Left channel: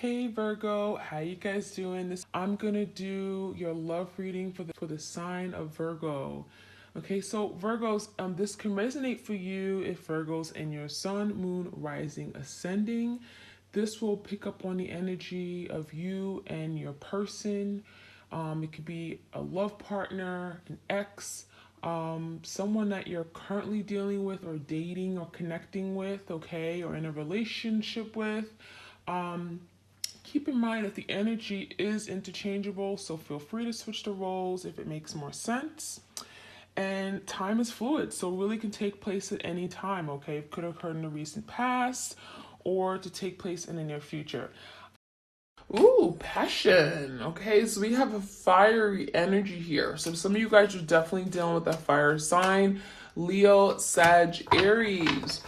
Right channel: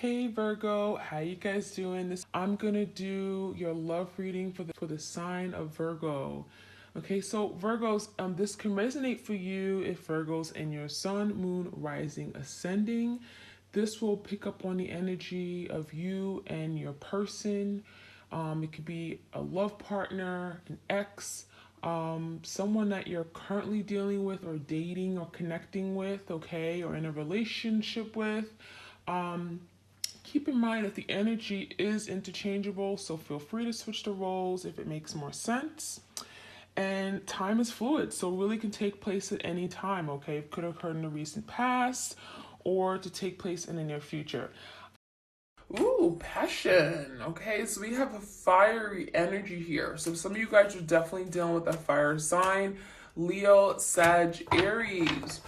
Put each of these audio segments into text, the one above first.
Hey Virgo, how you guys doing? I'm gonna do your love reading for the sign of Virgo. Okay, so Virgos, this can resonate for you if Virgos in your sun, moon, rising, ascending. This will pick up on the energy of you and your person. It could be a love partner, an ex, someone that you're currently dealing with or dating or connecting with, okay, or in a relationship with. Um, Keep in mind that the energy is interchangeable, so feel free to switch the roles if it makes more sense. And time is fluid, so really can take place at any time, okay? It could occur in the recent past or to take place in the near future. Ooh, passion. Okay, so we have a fiery energy here. So some of you guys are definitely dealing with that fire sign. Leo, Sag, Aries.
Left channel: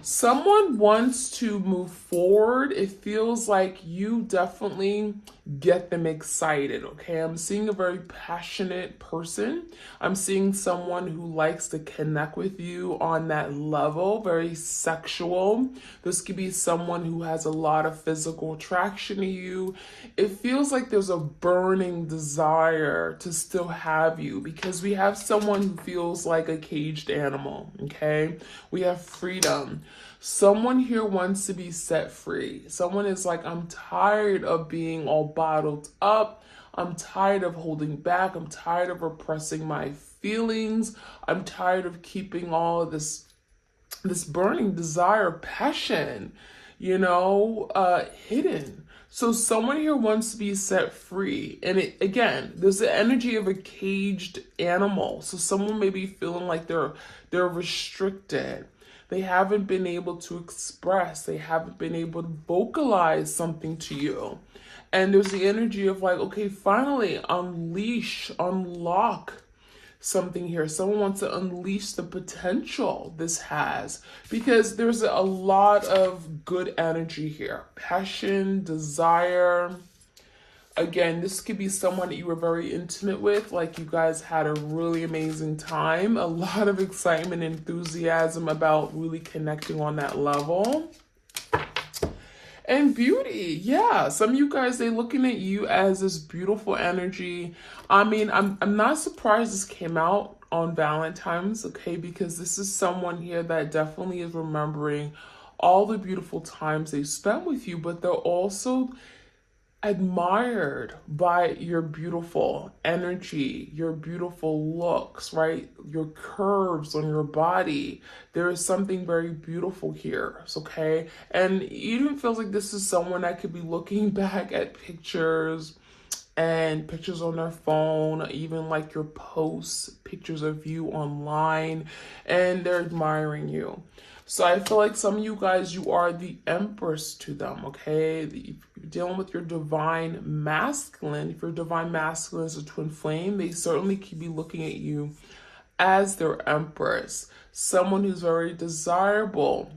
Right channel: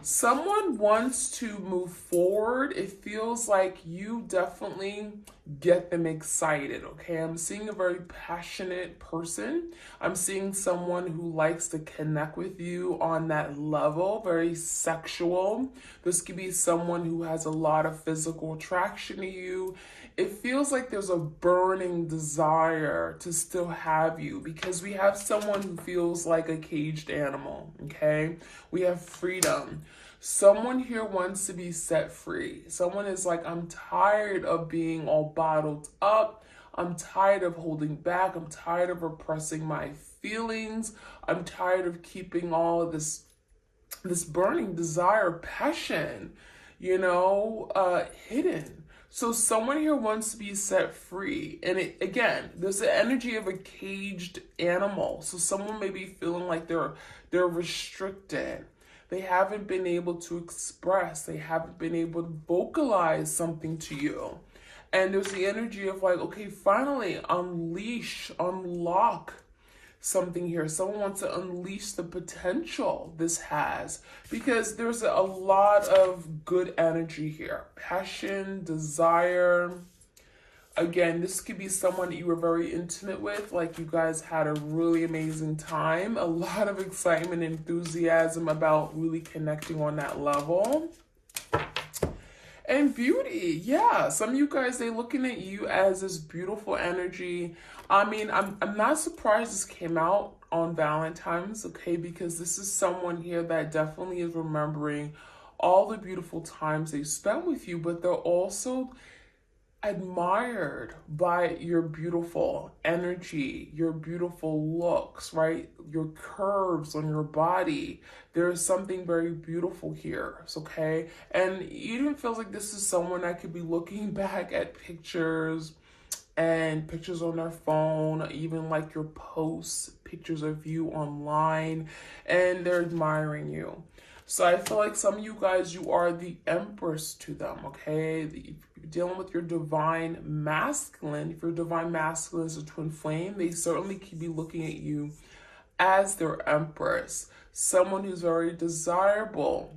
Someone wants to move forward. It feels like you definitely get them excited, okay? I'm seeing a very passionate person. I'm seeing someone who likes to connect with you on that level, very sexual. This could be someone who has a lot of physical attraction to you. It feels like there's a burning desire to still have you because we have someone who feels like a caged animal, okay? We have freedom. Someone here wants to be set free. Someone is like, I'm tired of being all bottled up. I'm tired of holding back. I'm tired of repressing my feelings. I'm tired of keeping all of this burning desire, passion, hidden. So someone here wants to be set free. And again, there's the energy of a caged animal. So someone may be feeling like they're restricted. They haven't been able to express. They haven't been able to vocalize something to you. And there's the energy of like, okay, finally unleash, unlock something here. Someone wants to unleash the potential this has because there's a lot of good energy here. Passion, desire. Again, this could be someone that you were very intimate with, like you guys had a really amazing time, a lot of excitement, enthusiasm about really connecting on that level. And beauty, yeah. Some of you guys, they're looking at you as this beautiful energy. I mean, I'm not surprised this came out on Valentine's, okay? Because this is someone here that definitely is remembering all the beautiful times they spent with you, but they're also admired by your beautiful energy, your beautiful looks, right? Your curves on your body. There is something very beautiful here, okay? And it even feels like this is someone that could be looking back at pictures and pictures on their phone, even like your posts, pictures of you online, and they're admiring you. So I feel like some of you guys, you are the empress to them, okay? If you're dealing with your divine masculine, if your divine masculine is a twin flame, they certainly could be looking at you as their empress. Someone who's very desirable.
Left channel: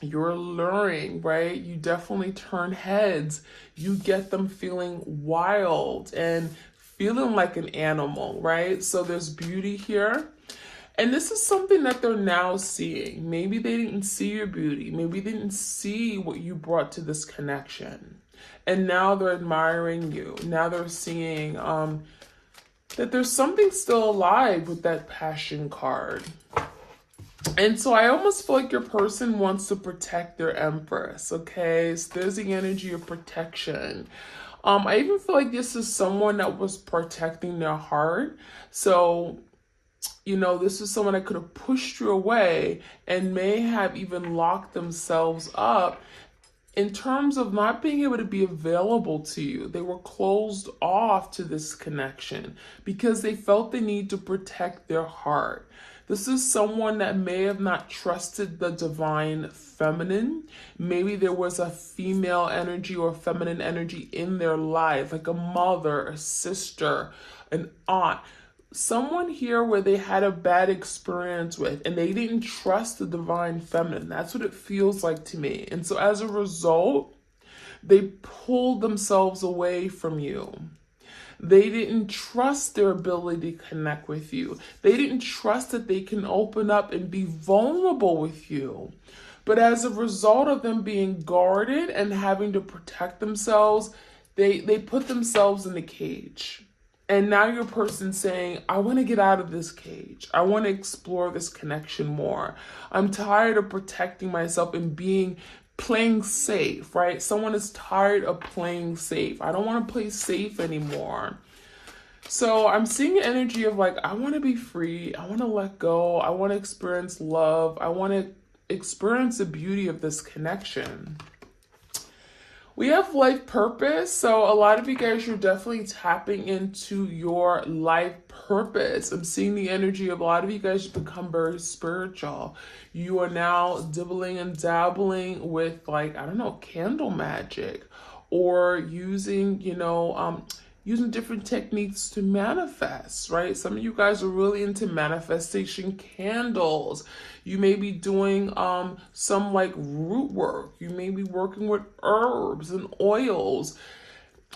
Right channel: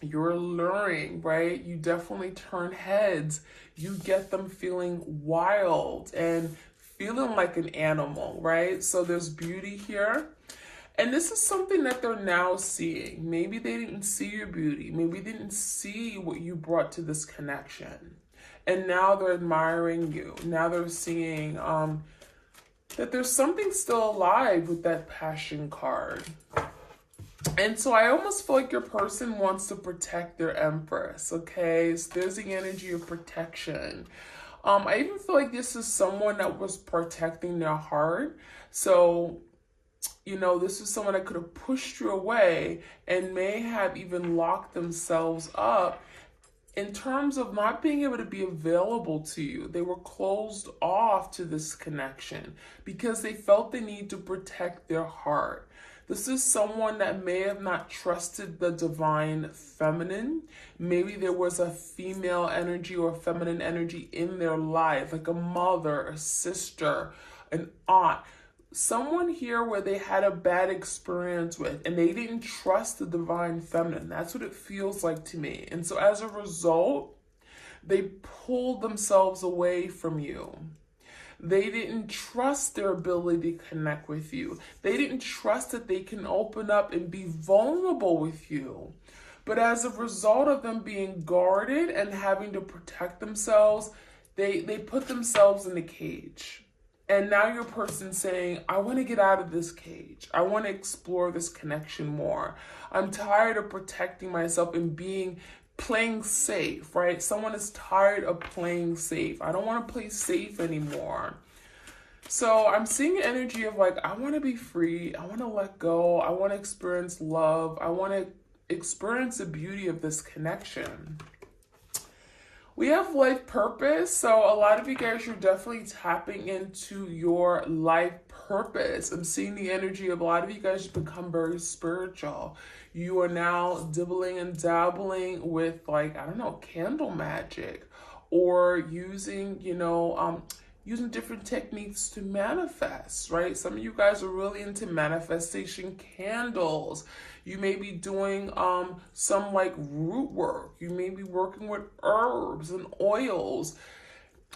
You're alluring, right? You definitely turn heads. You get them feeling wild and feeling like an animal, right? So there's beauty here. And this is something that they're now seeing. Maybe they didn't see your beauty. Maybe they didn't see what you brought to this connection. And now they're admiring you. Now they're seeing that there's something still alive with that passion card. And so I almost feel like your person wants to protect their empress, okay? So there's the energy of protection. I even feel like this is someone that was protecting their heart. So this is someone that could have pushed you away and may have even locked themselves up in terms of not being able to be available to you. They were closed off to this connection because they felt the need to protect their heart. This is someone that may have not trusted the divine feminine. Maybe there was a female energy or feminine energy in their life, like a mother, a sister, an aunt. Someone here where they had a bad experience with and they didn't trust the divine feminine. That's what it feels like to me. And so as a result, they pulled themselves away from you. They didn't trust their ability to connect with you. They didn't trust that they can open up and be vulnerable with you. But as a result of them being guarded and having to protect themselves, they put themselves in a cage. And now your person's saying, I want to get out of this cage. I want to explore this connection more. I'm tired of protecting myself and playing safe, right? Someone is tired of playing safe. I don't want to play safe anymore. So I'm seeing an energy of like, I want to be free. I want to let go. I want to experience love. I want to experience the beauty of this connection. We have life purpose. So a lot of you guys, you're definitely tapping into your life purpose. I'm seeing the energy of a lot of you guys become very spiritual. You are now dibbling and dabbling with, like, I don't know, candle magic, or using, using different techniques to manifest, right? Some of you guys are really into manifestation candles. You may be doing some like root work. You may be working with herbs and oils.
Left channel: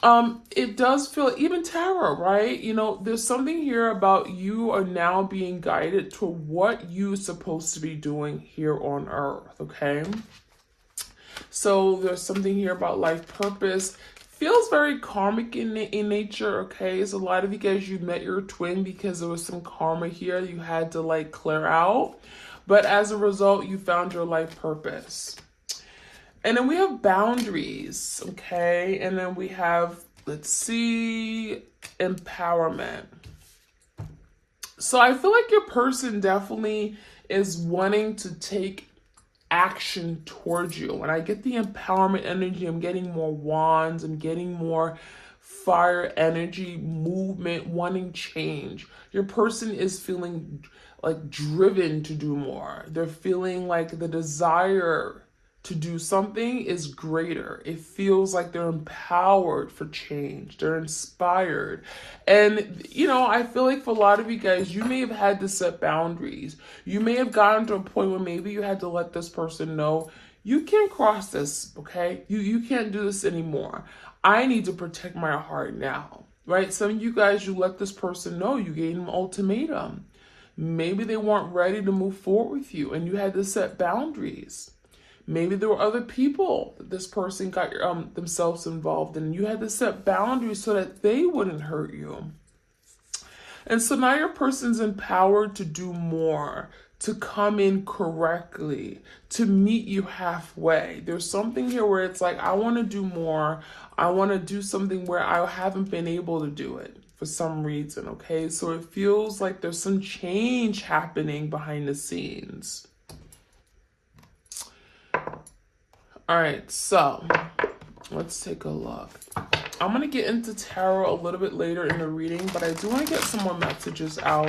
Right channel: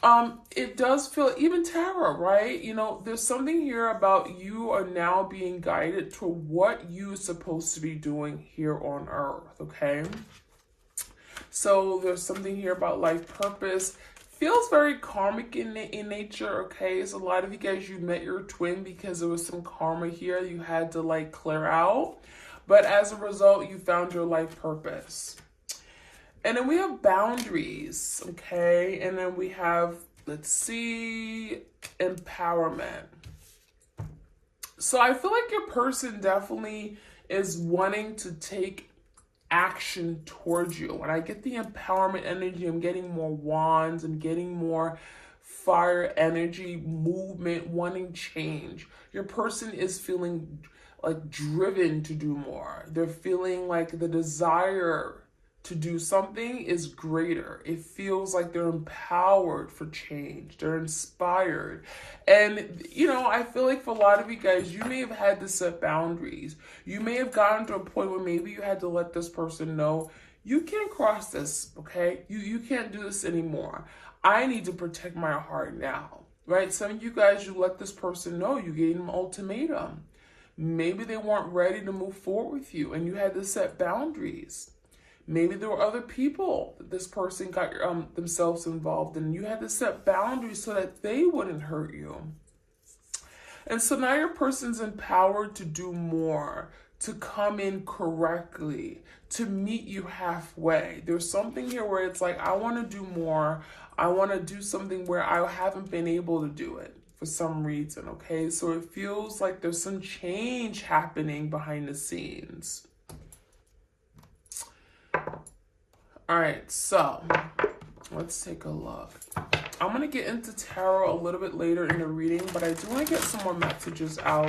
It does feel, even tarot, right? There's something here about you are now being guided to what you're supposed to be doing here on earth, okay? So there's something here about life purpose. Feels very karmic in nature, okay? So a lot of you guys, you met your twin because there was some karma here you had to like clear out. But as a result, you found your life purpose. And then we have boundaries, okay? And then we have, let's see, empowerment. So I feel like your person definitely is wanting to take action towards you. When I get the empowerment energy, I'm getting more wands, I'm getting more fire energy, movement, wanting change. Your person is feeling like driven to do more. They're feeling like the desire to do something is greater. It feels like they're empowered for change. They're inspired. And, I feel like for a lot of you guys, you may have had to set boundaries. You may have gotten to a point where maybe you had to let this person know, you can't cross this, okay? You can't do this anymore. I need to protect my heart now, right? Some of you guys, you let this person know, you gave them an ultimatum. Maybe they weren't ready to move forward with you and you had to set boundaries. Maybe there were other people that this person got themselves involved in. You had to set boundaries so that they wouldn't hurt you. And so now your person's empowered to do more, to come in correctly, to meet you halfway. There's something here where it's like, I want to do more. I want to do something where I haven't been able to do it for some reason, okay? So it feels like there's some change happening behind the scenes. All right, so let's take a look. I'm going to get into tarot a little bit later in the reading, but I do want to get some more messages out.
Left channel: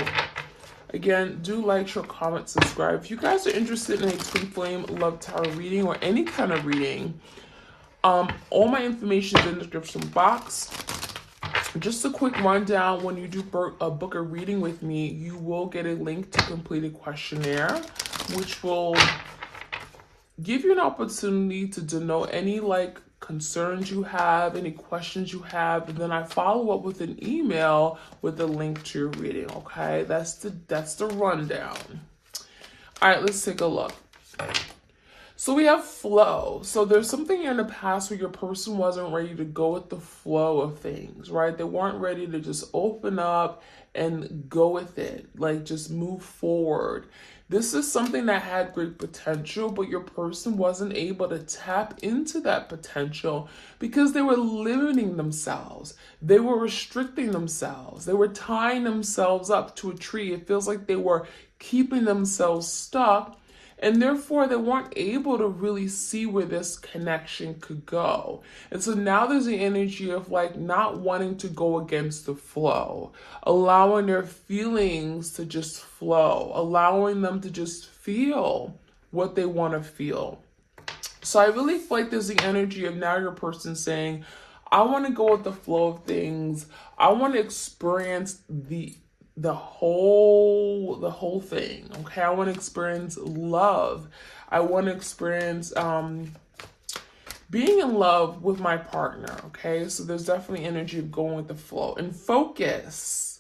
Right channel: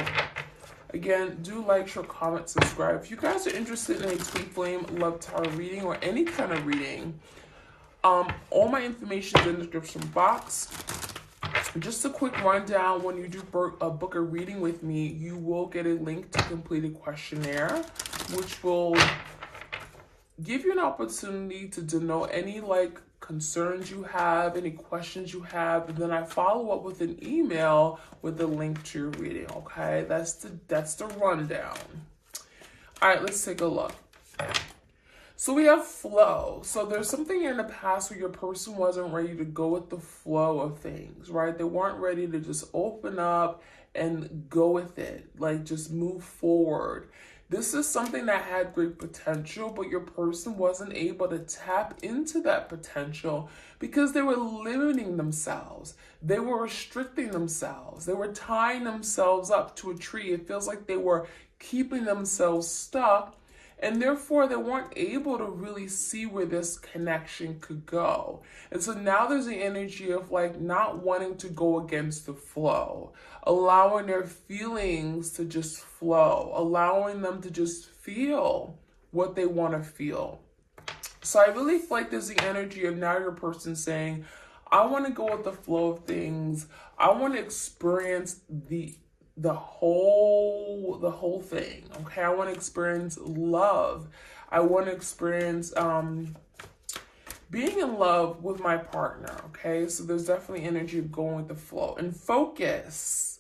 Again, do like, share, comment, subscribe. If you guys are interested in a twin flame love tarot reading or any kind of reading, all my information is in the description box. Just a quick rundown, when you do book a reading with me, you will get a link to complete a questionnaire, which will give you an opportunity to denote any concerns you have, any questions you have, and then I follow up with an email with a link to your reading, okay? That's the rundown. All right, let's take a look. So we have flow. So there's something in the past where your person wasn't ready to go with the flow of things, right? They weren't ready to just open up and go with it, like just move forward. This is something that had great potential, but your person wasn't able to tap into that potential because they were limiting themselves. They were restricting themselves. They were tying themselves up to a tree. It feels like they were keeping themselves stuck, and therefore they weren't able to really see where this connection could go. And so now there's the energy of not wanting to go against the flow, allowing their feelings to just flow, allowing them to just feel what they want to feel. So I really feel like there's the energy of now your person saying, I want to go with the flow of things. I want to experience the whole thing, okay? I want to experience love. I want to experience being in love with my partner, okay? So there's definitely energy of going with the flow and focus.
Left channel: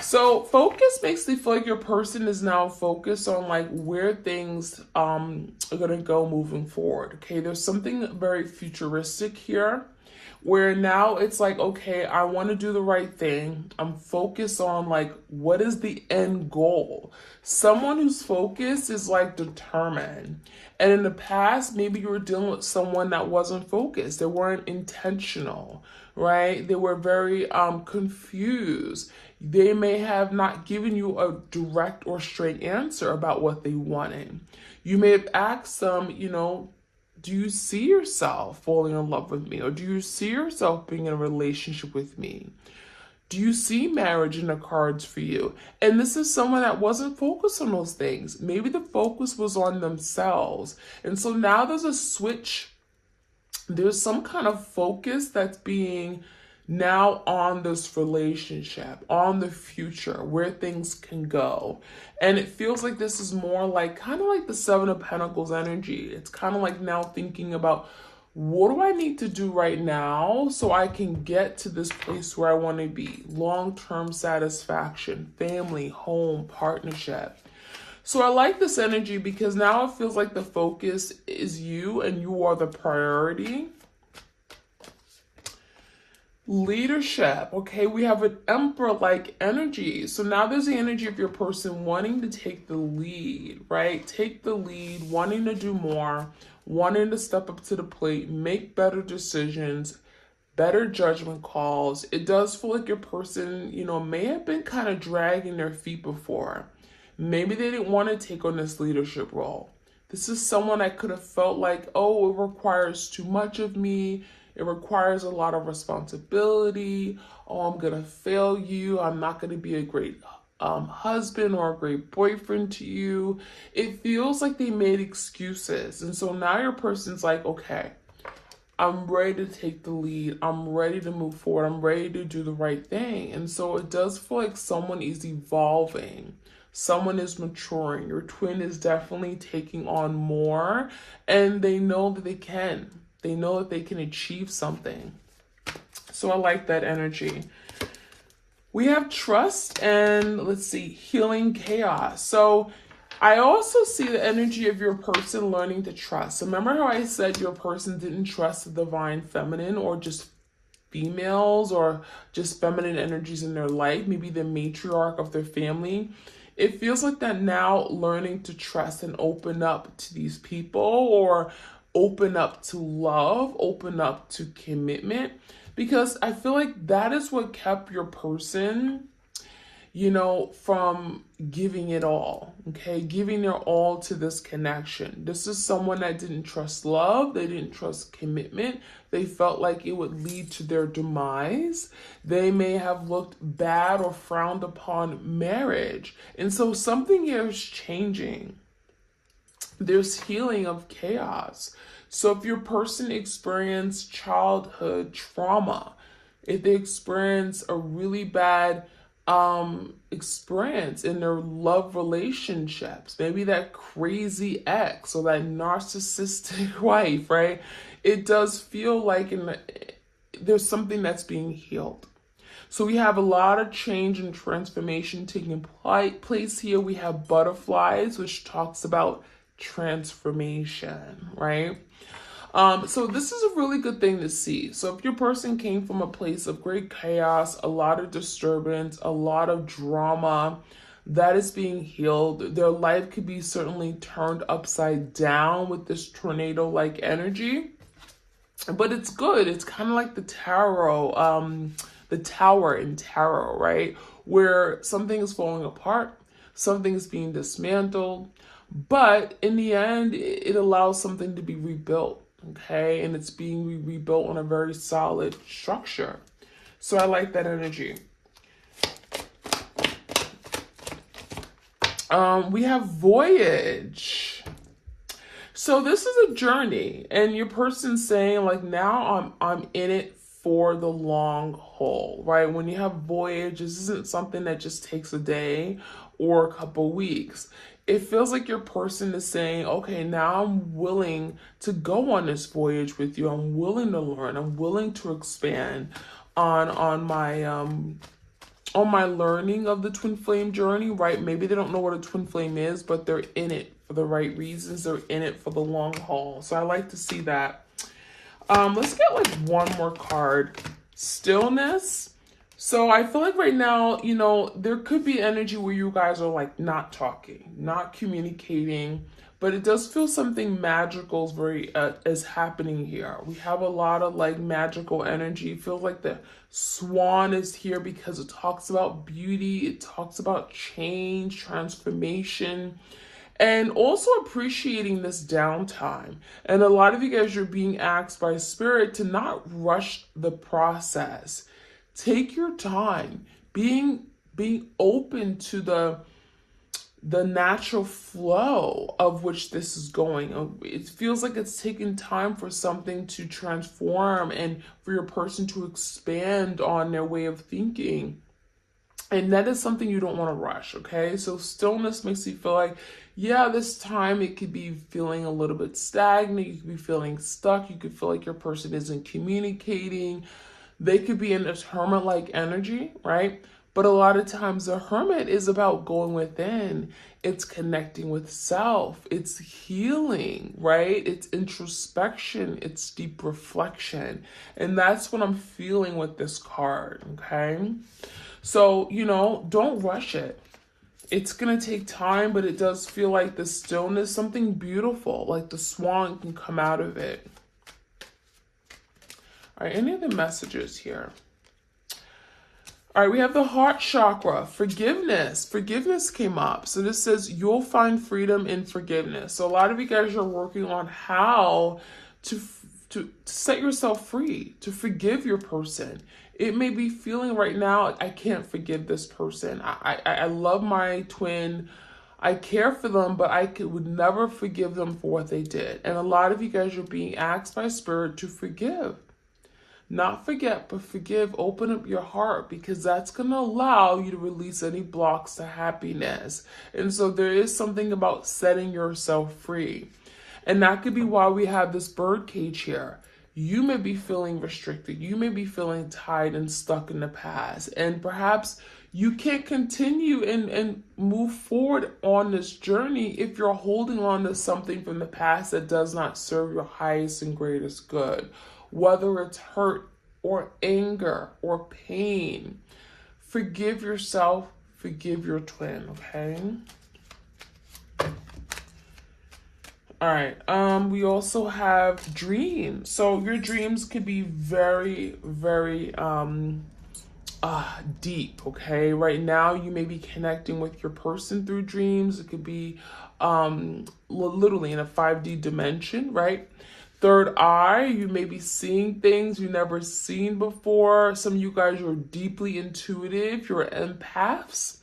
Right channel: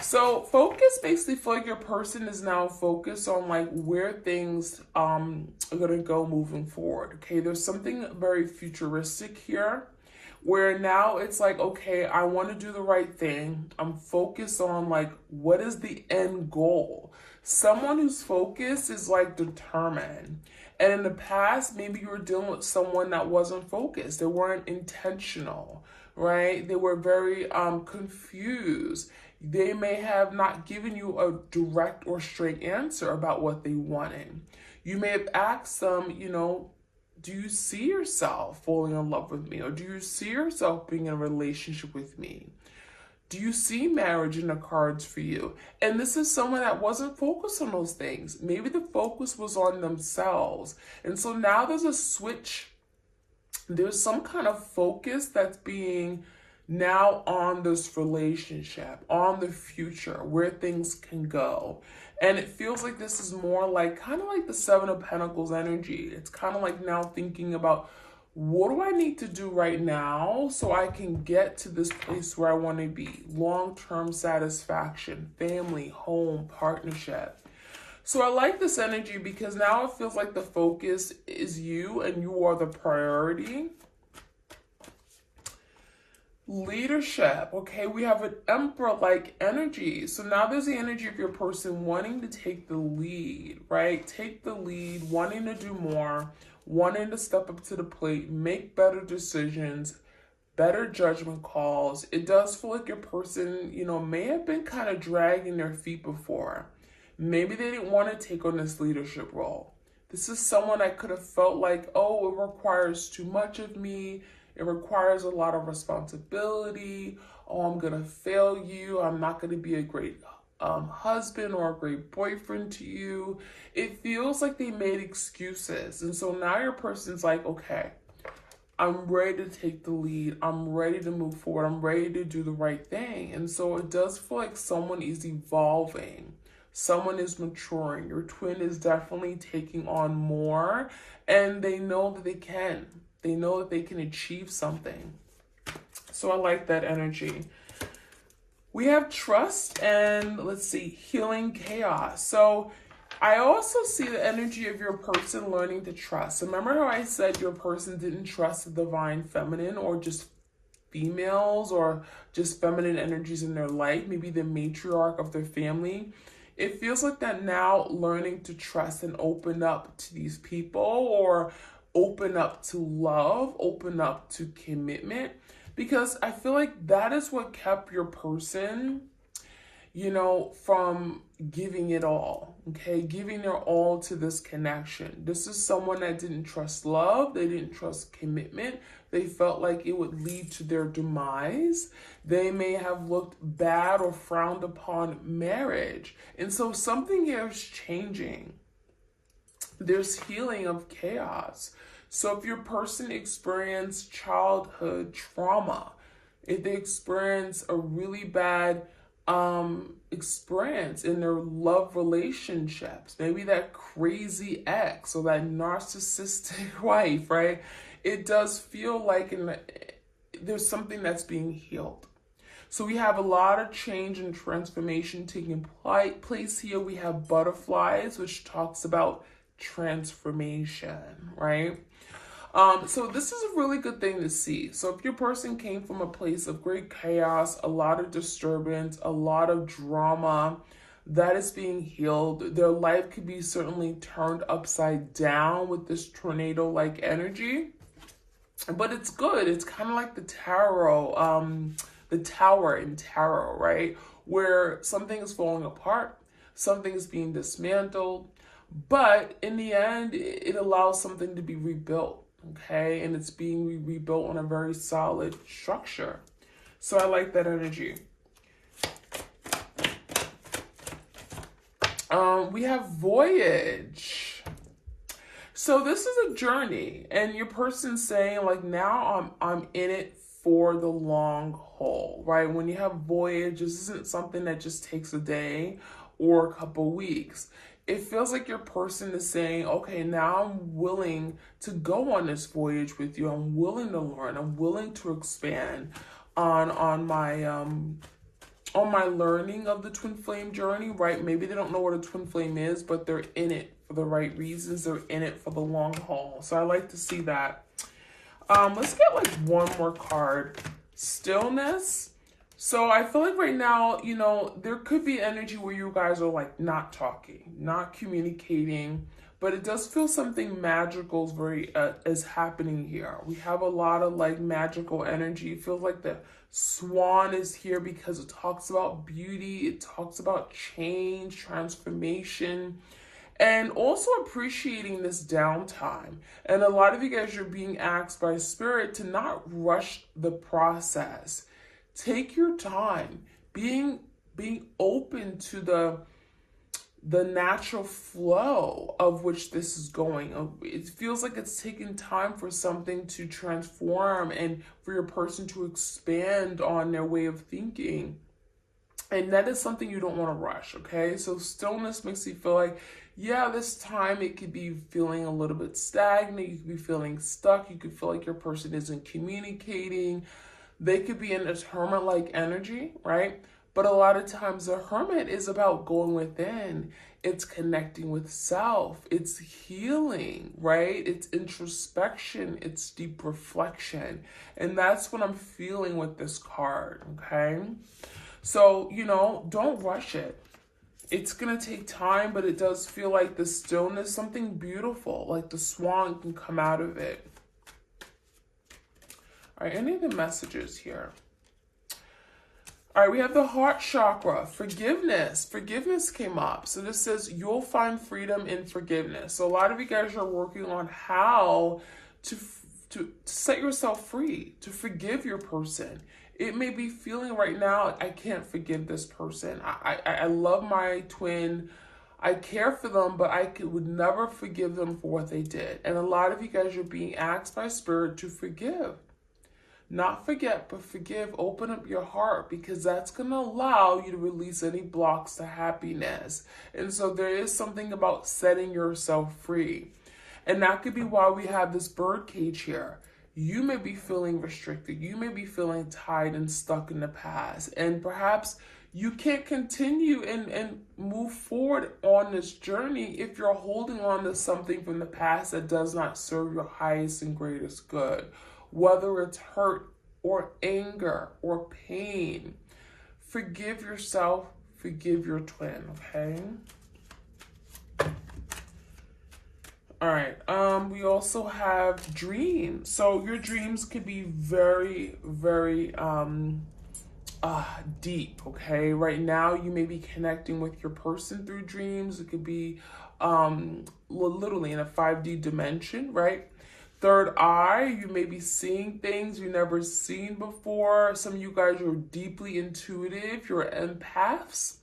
So focus makes me feel like your person is now focused on like where things are gonna go moving forward. Okay, there's something very futuristic here where now it's like, okay, I want to do the right thing. I'm focused on like what is the end goal. Someone who's focused is like determined. And in the past, maybe you were dealing with someone that wasn't focused. They weren't intentional, right? They were very confused. They may have not given you a direct or straight answer about what they wanted. You may have asked them, do you see yourself falling in love with me? Or do you see yourself being in a relationship with me? Do you see marriage in the cards for you? And this is someone that wasn't focused on those things. Maybe the focus was on themselves. And so now there's a switch. There's some kind of focus that's being now on this relationship, on the future, where things can go. And it feels like this is more like kind of like the Seven of Pentacles energy. It's kind of like now thinking about, what do I need to do right now so I can get to this place where I want to be? Long-term satisfaction, family, home, partnership. So I like this energy because now it feels like the focus is you and you are the priority. Leadership, okay, we have an emperor-like energy. So now there's the energy of your person wanting to take the lead, right? Take the lead, wanting to do more, wanting to step up to the plate, make better decisions, better judgment calls. It does feel like your person, may have been kind of dragging their feet before. Maybe they didn't want to take on this leadership role. This is someone I could have felt like, oh, it requires too much of me. It requires a lot of responsibility. Oh, I'm going to fail you. I'm not going to be a great husband or a great boyfriend to you. It feels like they made excuses. And so now your person's like, okay, I'm ready to take the lead. I'm ready to move forward. I'm ready to do the right thing. And so it does feel like someone is evolving. Someone is maturing. Your twin is definitely taking on more, and they know that they can. They know that they can achieve something. So I like that energy. We have trust and, let's see, healing chaos. So I also see the energy of your person learning to trust. Remember how I said your person didn't trust the divine feminine or just females or just feminine energies in their life, maybe the matriarch of their family? It feels like that now learning to trust and open up to these people, or open up to love, open up to commitment, because I feel like that is what kept your person, from giving it all, okay? Giving their all to this connection. This is someone that didn't trust love. They didn't trust commitment. They felt like it would lead to their demise. They may have looked bad or frowned upon marriage. And so something here is changing. There's healing of chaos. So if your person experienced childhood trauma, if they experience a really bad experience in their love relationships, maybe that crazy ex or that narcissistic wife, right? It does feel like there's something that's being healed. So we have a lot of change and transformation taking place here. We have butterflies, which talks about transformation, right? So this is a really good thing to see. So if your person came from a place of great chaos, a lot of disturbance, a lot of drama, that is being healed. Their life could be certainly turned upside down with this tornado-like energy, but it's good. It's kind of like the tarot, the tower in tarot, right? Where something is falling apart, something is being dismantled, but in the end, it allows something to be rebuilt, okay? And it's being rebuilt on a very solid structure. So I like that energy. We have voyage. So this is a journey, and your person's saying like, now I'm in it for the long haul, right? When you have voyage, this isn't something that just takes a day or a couple weeks. It feels like your person is saying, okay, now I'm willing to go on this voyage with you. I'm willing to learn. I'm willing to expand on my on my learning of the twin flame journey, right? Maybe they don't know what a twin flame is, but they're in it for the right reasons. They're in it for the long haul. So I like to see that. Let's get like one more card. Stillness. So I feel like right now, you know, there could be energy where you guys are like not talking, not communicating, but it does feel something magical is happening here. We have a lot of like magical energy. It feels like the swan is here because it talks about beauty. It talks about change, transformation, and also appreciating this downtime. And a lot of you guys are being asked by spirit to not rush the process. Take your time, being open to the natural flow of which this is going. It feels like it's taking time for something to transform and for your person to expand on their way of thinking. And that is something you don't want to rush, okay? So stillness makes you feel like, yeah, this time it could be feeling a little bit stagnant. You could be feeling stuck. You could feel like your person isn't communicating. They could be in this hermit-like energy, right? But a lot of times the hermit is about going within. It's connecting with self. It's healing, right? It's introspection. It's deep reflection. And that's what I'm feeling with this card, okay? So, you know, don't rush it. It's going to take time, but it does feel like the stillness, something beautiful, like the swan can come out of it. All right, any other messages here? All right, we have the heart chakra, forgiveness. Forgiveness came up. So this says you'll find freedom in forgiveness. So a lot of you guys are working on how to set yourself free, to forgive your person. It may be feeling right now, I can't forgive this person. I love my twin. I care for them, but would never forgive them for what they did. And a lot of you guys are being asked by spirit to forgive. Not forget, but forgive. Open up your heart, because that's going to allow you to release any blocks to happiness. And so there is something about setting yourself free. And that could be why we have this bird cage here. You may be feeling restricted. You may be feeling tied and stuck in the past. And perhaps you can't continue and move forward on this journey if you're holding on to something from the past that does not serve your highest and greatest good. Whether it's hurt or anger or pain, forgive yourself, forgive your twin, okay? All right, we also have dreams. So your dreams could be very, very deep, okay? Right now, you may be connecting with your person through dreams. It could be literally in a 5D dimension, right? Third eye, you may be seeing things you've never seen before. Some of you guys are deeply intuitive. You're empaths.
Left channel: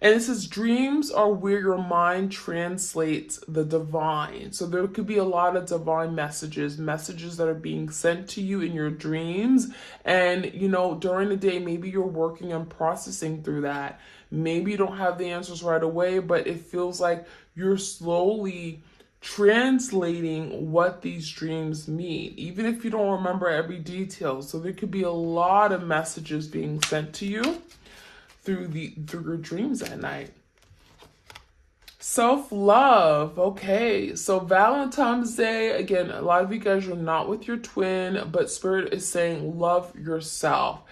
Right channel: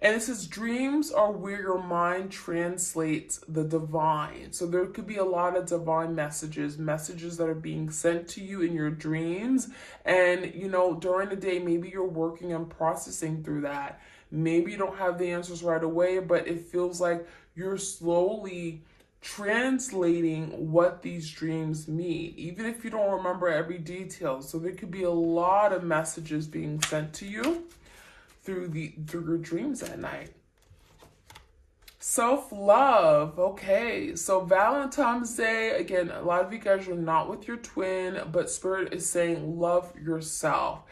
And it says dreams are where your mind translates the divine. So there could be a lot of divine messages that are being sent to you in your dreams. And, you know, during the day, maybe you're working on processing through that. Maybe you don't have the answers right away, but it feels like you're slowly translating what these dreams mean, even if you don't remember every detail. So there could be a lot of messages being sent to you through your dreams at night. Self-love. Okay, so Valentine's Day, again, a lot of you guys are not with your twin, but spirit is saying love yourself.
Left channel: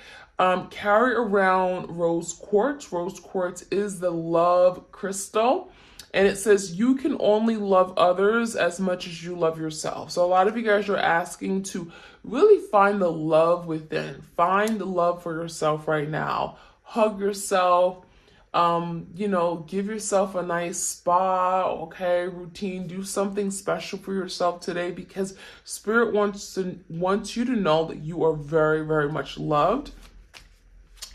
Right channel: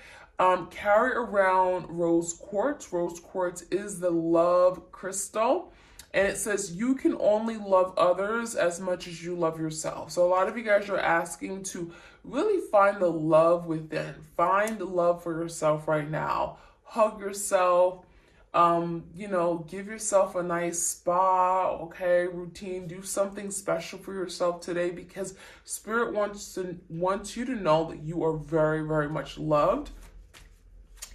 Carry around rose quartz. Rose quartz is the love crystal. And it says you can only love others as much as you love yourself. So a lot of you guys are asking to really find the love within. Find the love for yourself right now. Hug yourself. You know, give yourself a nice spa, okay, routine. Do something special for yourself today, because spirit wants you to know that you are very, very much loved.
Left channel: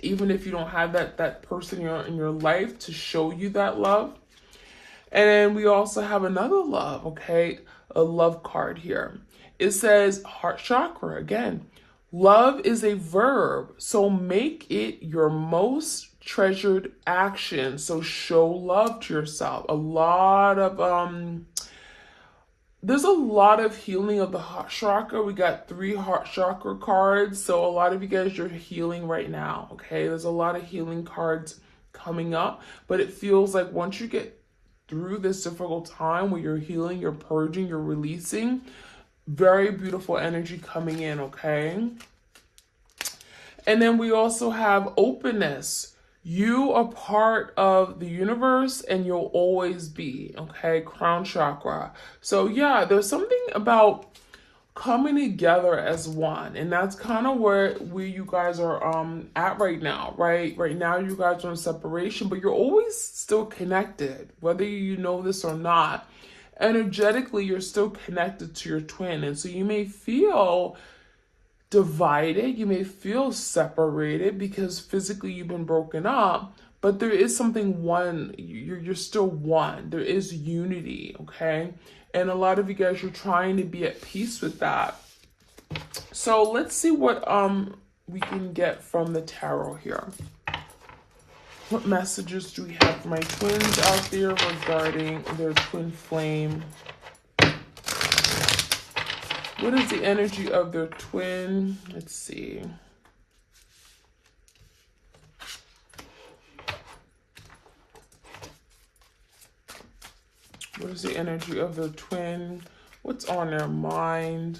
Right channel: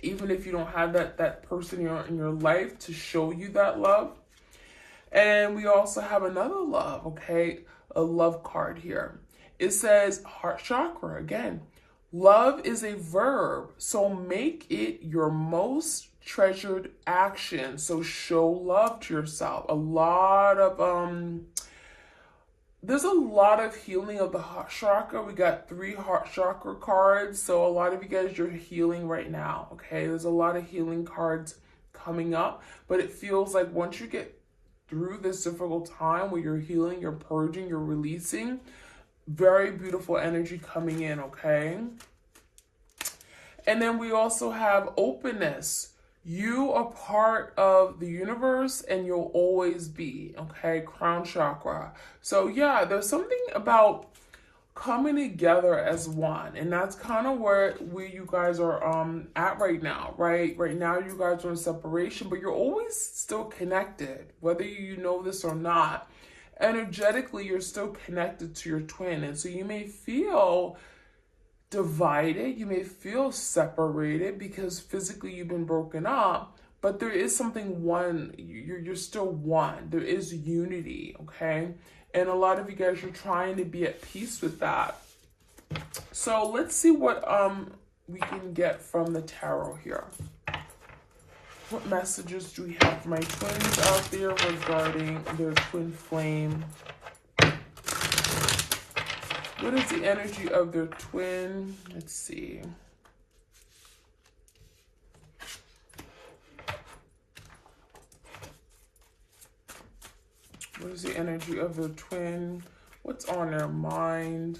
Even if you don't have that person in your life to show you that love. And we also have another love, okay? A love card here. It says heart chakra again. Love is a verb, so make it your most treasured action. So show love to yourself. A lot of there's a lot of healing of the heart chakra. We got 3 heart chakra cards. So a lot of you guys, you're healing right now. Okay. There's a lot of healing cards coming up, but it feels like once you get through this difficult time where you're healing, you're purging, you're releasing, very beautiful energy coming in. Okay. And then we also have openness. You are part of the universe and you'll always be, okay? Crown chakra. So yeah, there's something about coming together as one. And that's kind of where you guys are at right now, right? Right now you guys are in separation, but you're always still connected, whether you know this or not. Energetically, you're still connected to your twin. And so you may feel divided, you may feel separated because physically you've been broken up, but there is something one. You're still one. There is unity, okay? And a lot of you guys are trying to be at peace with that. So let's see what we can get from the tarot here. What messages do we have for my twins out there regarding their twin flame? What is the energy of their twin? Let's see. What is the energy of their twin? What's on their mind?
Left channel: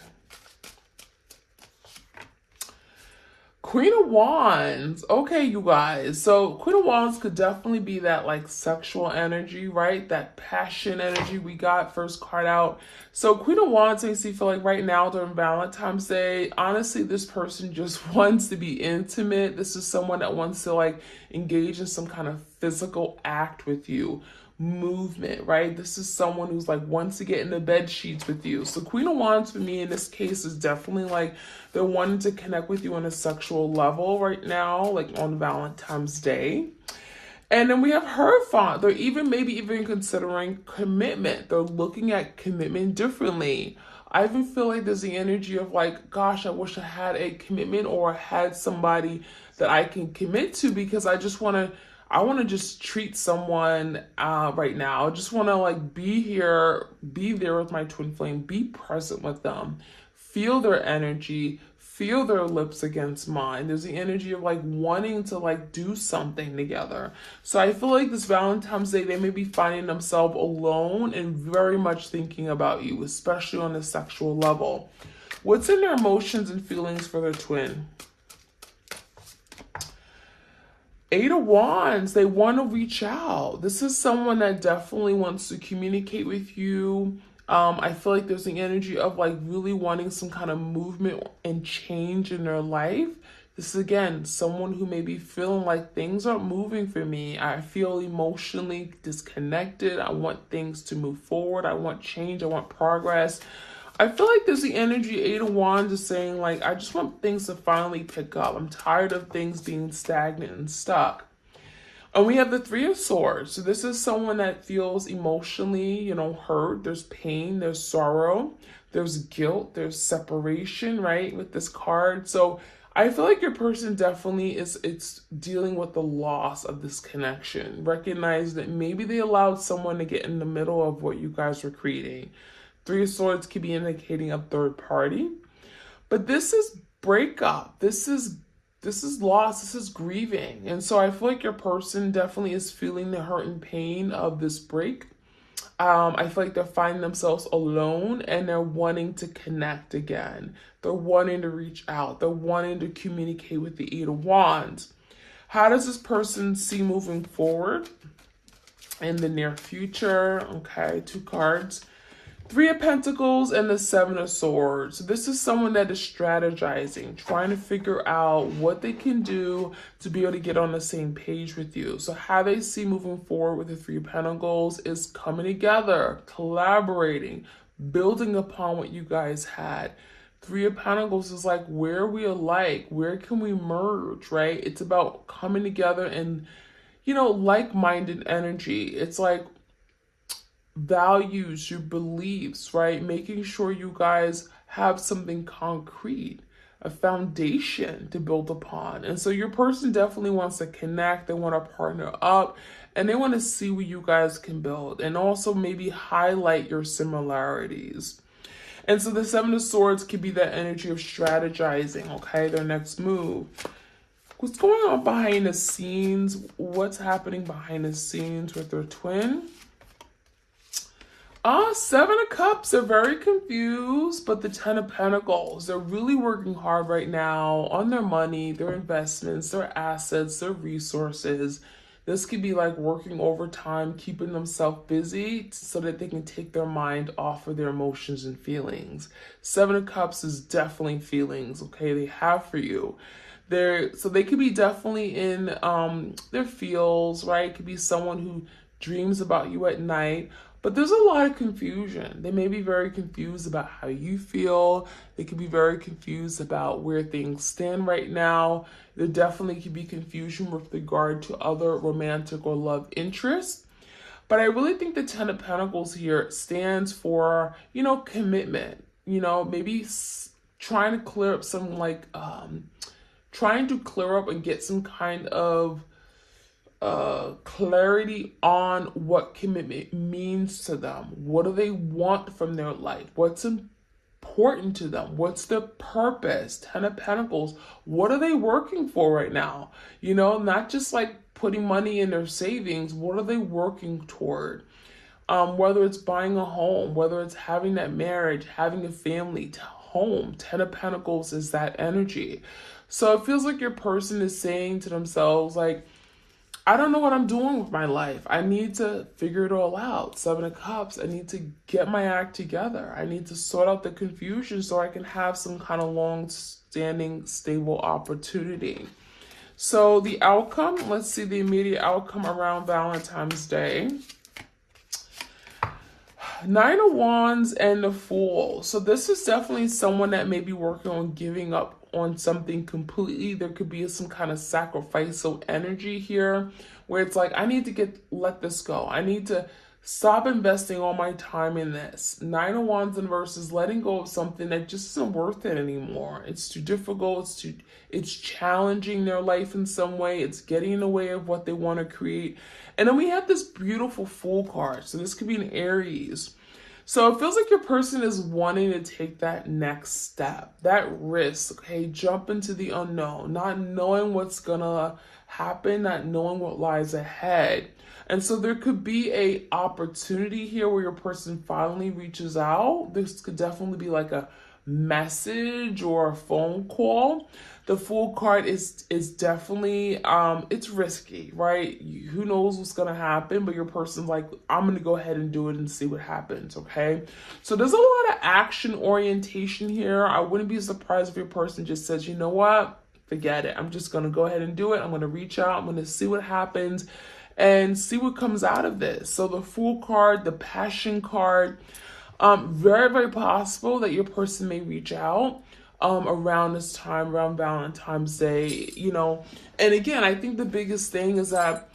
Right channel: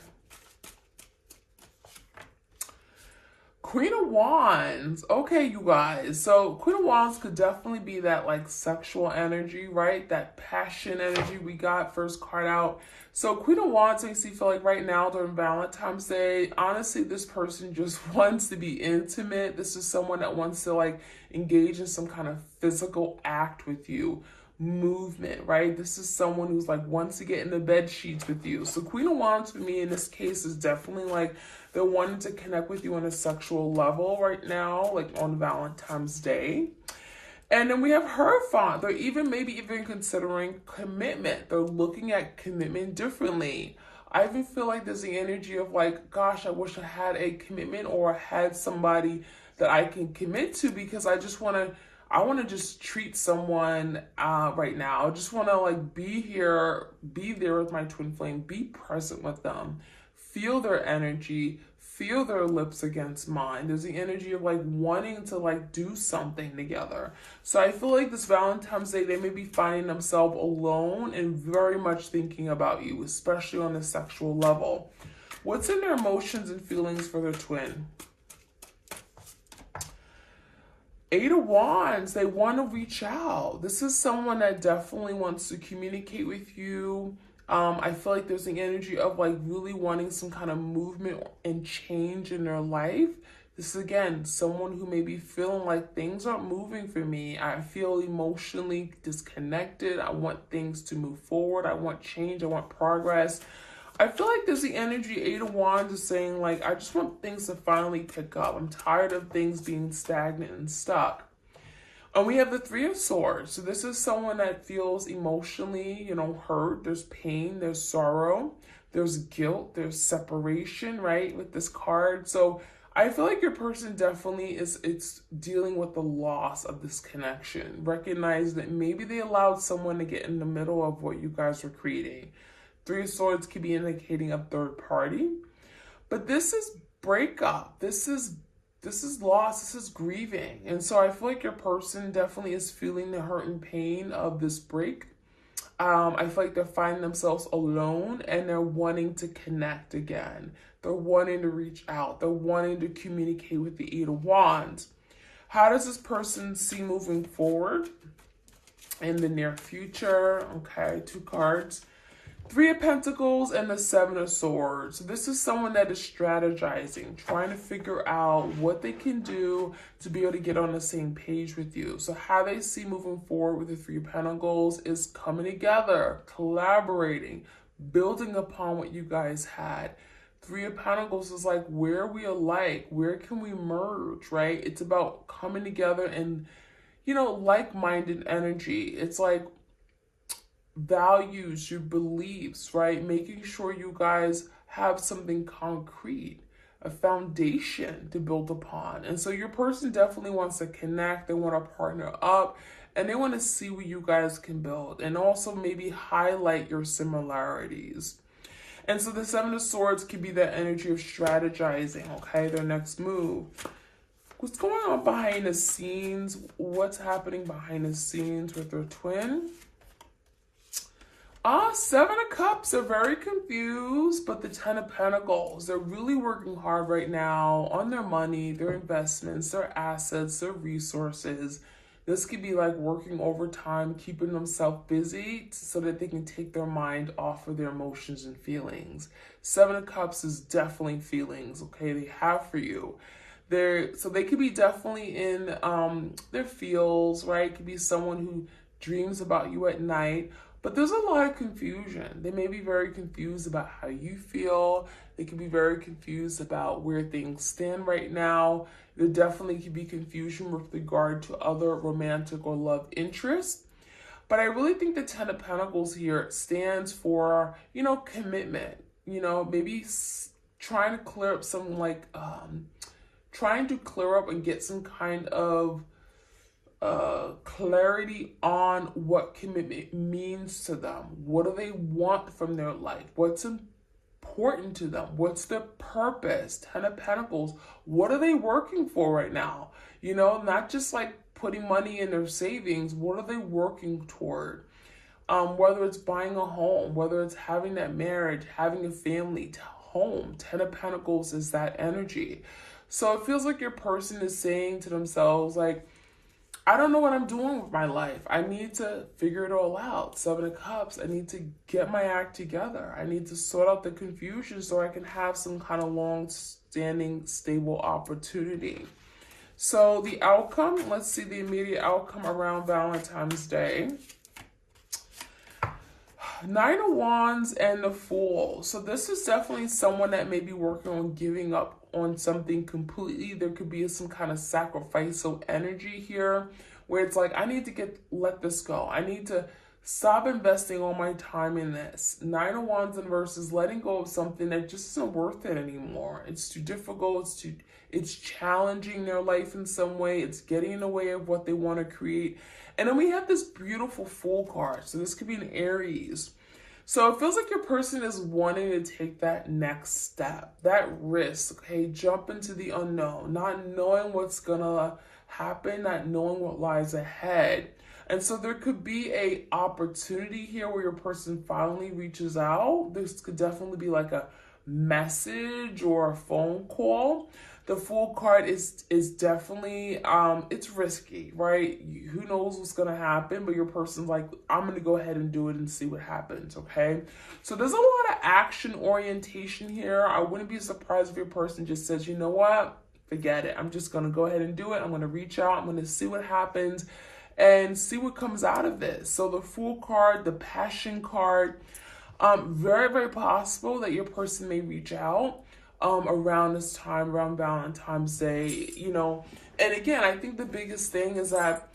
Queen of Wands. Okay, you guys. So Queen of Wands could definitely be that like sexual energy, right? That passion energy we got first card out. So Queen of Wands makes me feel like right now during Valentine's Day, honestly, this person just wants to be intimate. This is someone that wants to like engage in some kind of physical act with you. Movement, right? This is someone who's like wants to get in the bed sheets with you. So Queen of Wands for me in this case is definitely like they're wanting to connect with you on a sexual level right now, like on Valentine's Day. And then we have Hierophant. They're maybe even considering commitment. They're looking at commitment differently. I even feel like there's the energy of like, gosh, I wish I had a commitment or had somebody that I can commit to, because I want to just treat someone right now. I just want to like be there with my twin flame, be present with them, feel their energy, feel their lips against mine. There's the energy of like wanting to like do something together. So I feel like this Valentine's Day, they may be finding themselves alone and very much thinking about you, especially on the sexual level. What's in their emotions and feelings for their twin? 8 of Wands, they want to reach out. This is someone that definitely wants to communicate with you. I feel like there's the energy of like really wanting some kind of movement and change in their life. This is, again, someone who may be feeling like things aren't moving for me. I feel emotionally disconnected. I want things to move forward. I want change. I want progress. I feel like there's the energy, 8 of Wands is saying like, I just want things to finally pick up. I'm tired of things being stagnant and stuck. And we have the 3 of Swords. So this is someone that feels emotionally, hurt. There's pain, there's sorrow, there's guilt, there's separation, right? With this card. So I feel like your person definitely it's dealing with the loss of this connection. Recognize that maybe they allowed someone to get in the middle of what you guys were creating. 3 of Swords could be indicating a third party. But this is breakup. This is loss. This is grieving. And so I feel like your person definitely is feeling the hurt and pain of this break. I feel like they're finding themselves alone and they're wanting to connect again. They're wanting to reach out. They're wanting to communicate with the 8 of Wands. How does this person see moving forward in the near future? Okay, 2 cards. 3 of Pentacles and the 7 of Swords. So this is someone that is strategizing, trying to figure out what they can do to be able to get on the same page with you. So how they see moving forward with the 3 of Pentacles is coming together, collaborating, building upon what you guys had. 3 of Pentacles is like, where are we alike? Where can we merge, right? It's about coming together and, like-minded energy. It's like, values, your beliefs, right? Making sure you guys have something concrete. a foundation to build upon. And so your person definitely wants to connect, they want to partner up, and they want to see what you guys can build and also maybe highlight your similarities. And so the Seven of Swords could be that energy of strategizing, okay, their next move. What's going on behind the scenes? What's happening behind the scenes with their twin? Seven of Cups are very confused, but the Ten of Pentacles, they're really working hard right now on their money, their investments, their assets, their resources. This could be like working overtime, keeping themselves busy so that they can take their mind off of their emotions and feelings. Seven of Cups is definitely feelings, okay, they have for you. So they could be definitely in their feels, right? It could be someone who dreams about you at night. But there's a lot of confusion. They may be very confused about how you feel. They could be very confused about where things stand right now. There definitely could be confusion with regard to other romantic or love interests. But I really think the Ten of Pentacles here stands for, you know, commitment. You know, maybe trying to clear up some trying to clear up and get some kind of clarity on what commitment means to them. What do they want from their life? What's important to them? What's their purpose? Ten of Pentacles. What are they working for right now? You know, not just like putting money in their savings. What are they working toward? Whether it's buying a home, whether it's having that marriage, having a family, home. Ten of Pentacles is that energy. So it feels like your person is saying to themselves, like, I don't know what I'm doing with my life. I need to figure it all out. Seven of Cups. I need to get my act together. I need to sort out the confusion so I can have some kind of long-standing, stable opportunity. So the outcome, let's see the immediate outcome around Valentine's Day. Nine of Wands and the Fool. So this is definitely someone that may be working on giving up on something completely. There could be some kind of sacrificial energy here where it's like, I need to let this go. I need to stop investing all my time in this. Nine of Wands in verses, letting go of something that just isn't worth it anymore. It's too difficult. It's challenging their life in some way. It's getting in the way of what they want to create. And then we have this beautiful Fool card. So this could be an Aries. So it feels like your person is wanting to take that next step, that risk, okay? Jump into the unknown, not knowing what's gonna happen, not knowing what lies ahead. And so there could be a opportunity here where your person finally reaches out. This could definitely be like a message or a phone call. The Fool card is definitely, it's risky, right? Who knows what's going to happen, but your person's like, I'm going to go ahead and do it and see what happens, okay? So there's a lot of action orientation here. I wouldn't be surprised if your person just says, you know what? Forget it. I'm just going to go ahead and do it. I'm going to reach out. I'm going to see what happens and see what comes out of this. So the Fool card, the Passion card, very, very possible that your person may reach out around this time, around Valentine's Day, you know. And again, I think the biggest thing is that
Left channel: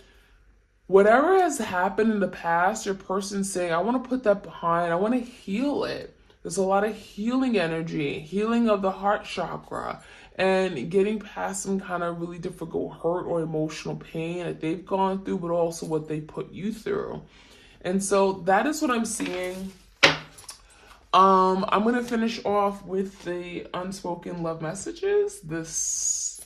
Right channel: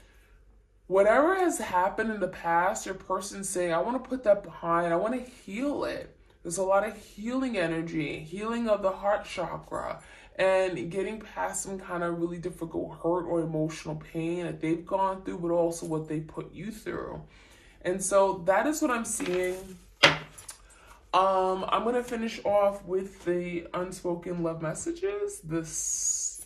whatever has happened in the past, your person's saying, I want to put that behind. I want to heal it. There's a lot of healing energy, healing of the heart chakra, and getting past some kind of really difficult hurt or emotional pain that they've gone through, but also what they put you through. And so that is what I'm seeing. I'm going to finish off with the unspoken love messages, this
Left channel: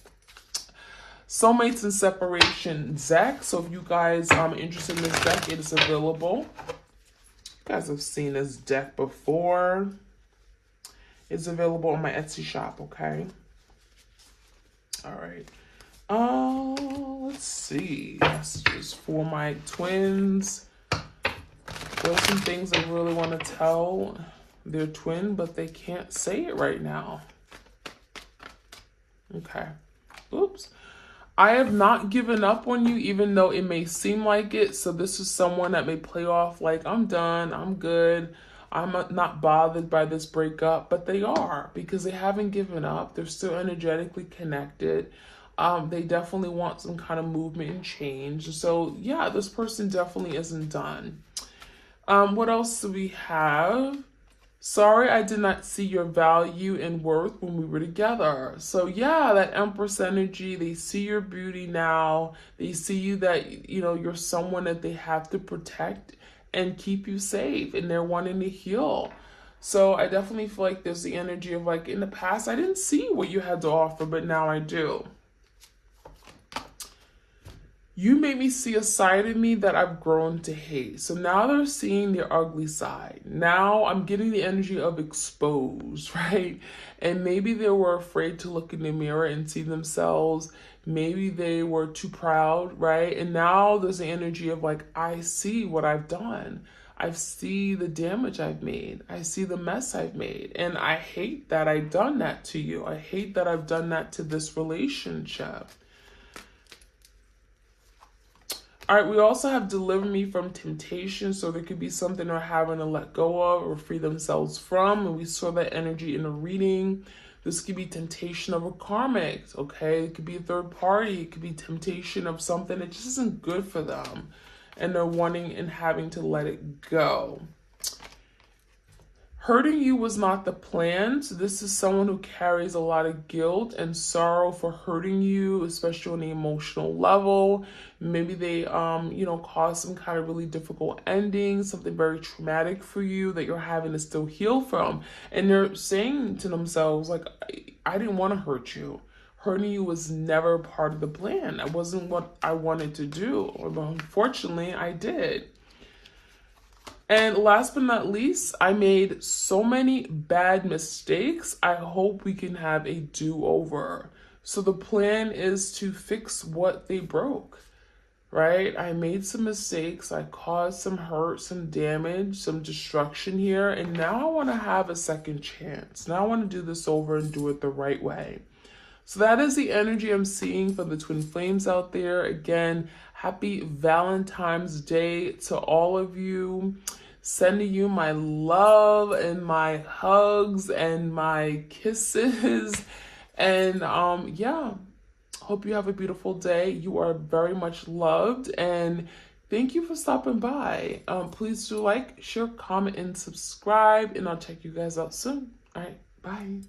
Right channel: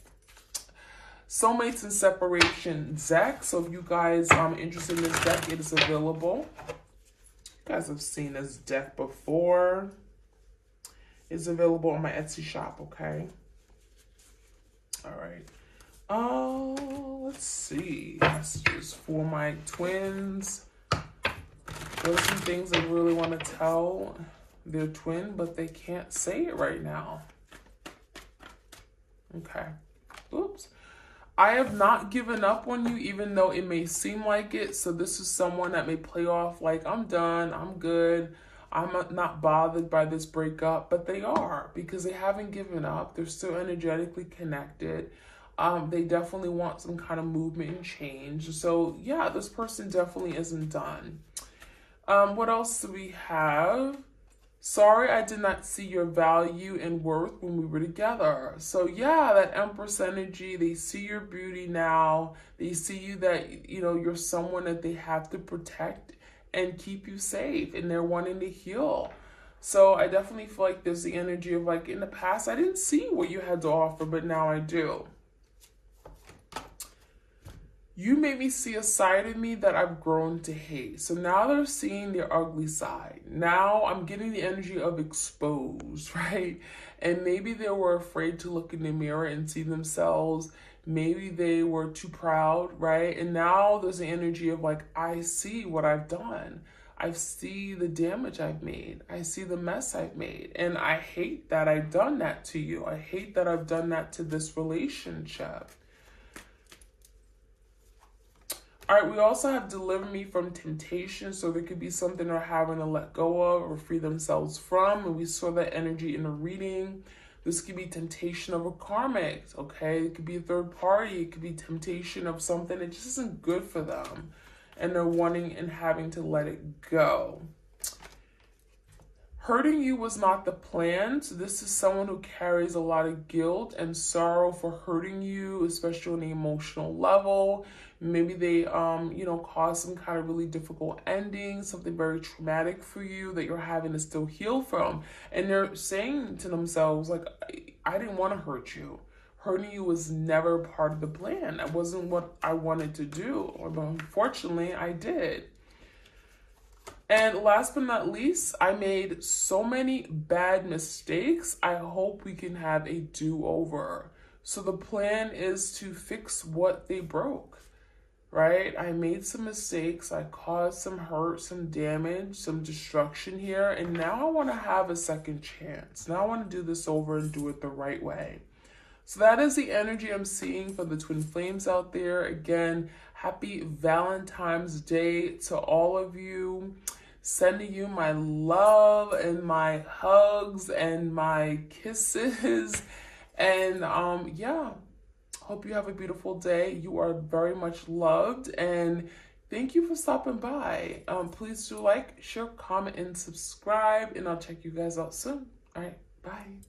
soulmates and separation deck. So if you guys are interested in this deck, it is available. You guys have seen this deck before. It's available on my Etsy shop, okay? All right. Let's see. Messages for my twins. There's some things I really want to tell their twin, but they can't say it right now. Okay. Oops. I have not given up on you, even though it may seem like it. So this is someone that may play off like, I'm done, I'm good, I'm not bothered by this breakup, but they are, because they haven't given up. They're still energetically connected. They definitely want some kind of movement and change. So yeah, this person definitely isn't done. What else do we have? Sorry I did not see your value and worth when we were together. So yeah, that Empress energy, they see your beauty now. They see you that, you're someone that they have to protect and keep you safe, and they're wanting to heal. So I definitely feel like there's the energy of like, in the past, I didn't see what you had to offer, but now I do. You made me see a side of me that I've grown to hate. So now they're seeing their ugly side. Now I'm getting the energy of exposed, right? And maybe they were afraid to look in the mirror and see themselves. Maybe they were too proud, right? And now there's the energy of like, I see what I've done. I see the damage I've made. I see the mess I've made. And I hate that I've done that to you. I hate that I've done that to this relationship. All right, we also have deliver me from temptation. So there could be something they're having to let go of or free themselves from. And we saw that energy in the reading. This could be temptation of a karmic, okay? It could be a third party. It could be temptation of something that just isn't good for them. And they're wanting and having to let it go. Hurting you was not the plan. So this is someone who carries a lot of guilt and sorrow for hurting you, especially on the emotional level. Maybe they, caused some kind of really difficult ending, something very traumatic for you that you're having to still heal from. And they're saying to themselves, like, I didn't want to hurt you. Hurting you was never part of the plan. That wasn't what I wanted to do. But unfortunately, I did. And last but not least, I made so many bad mistakes. I hope we can have a do-over. So the plan is to fix what they broke, right? I made some mistakes. I caused some hurt, some damage, some destruction here. And now I want to have a second chance. Now I want to do this over and do it the right way. So that is the energy I'm seeing for the twin flames out there. Again, happy Valentine's Day to all of you. Sending you my love and my hugs and my kisses. And yeah, hope you have a beautiful day. You are very much loved. And thank you for stopping by. Please do like, share, comment, and subscribe. And I'll check you guys out soon. All right, bye.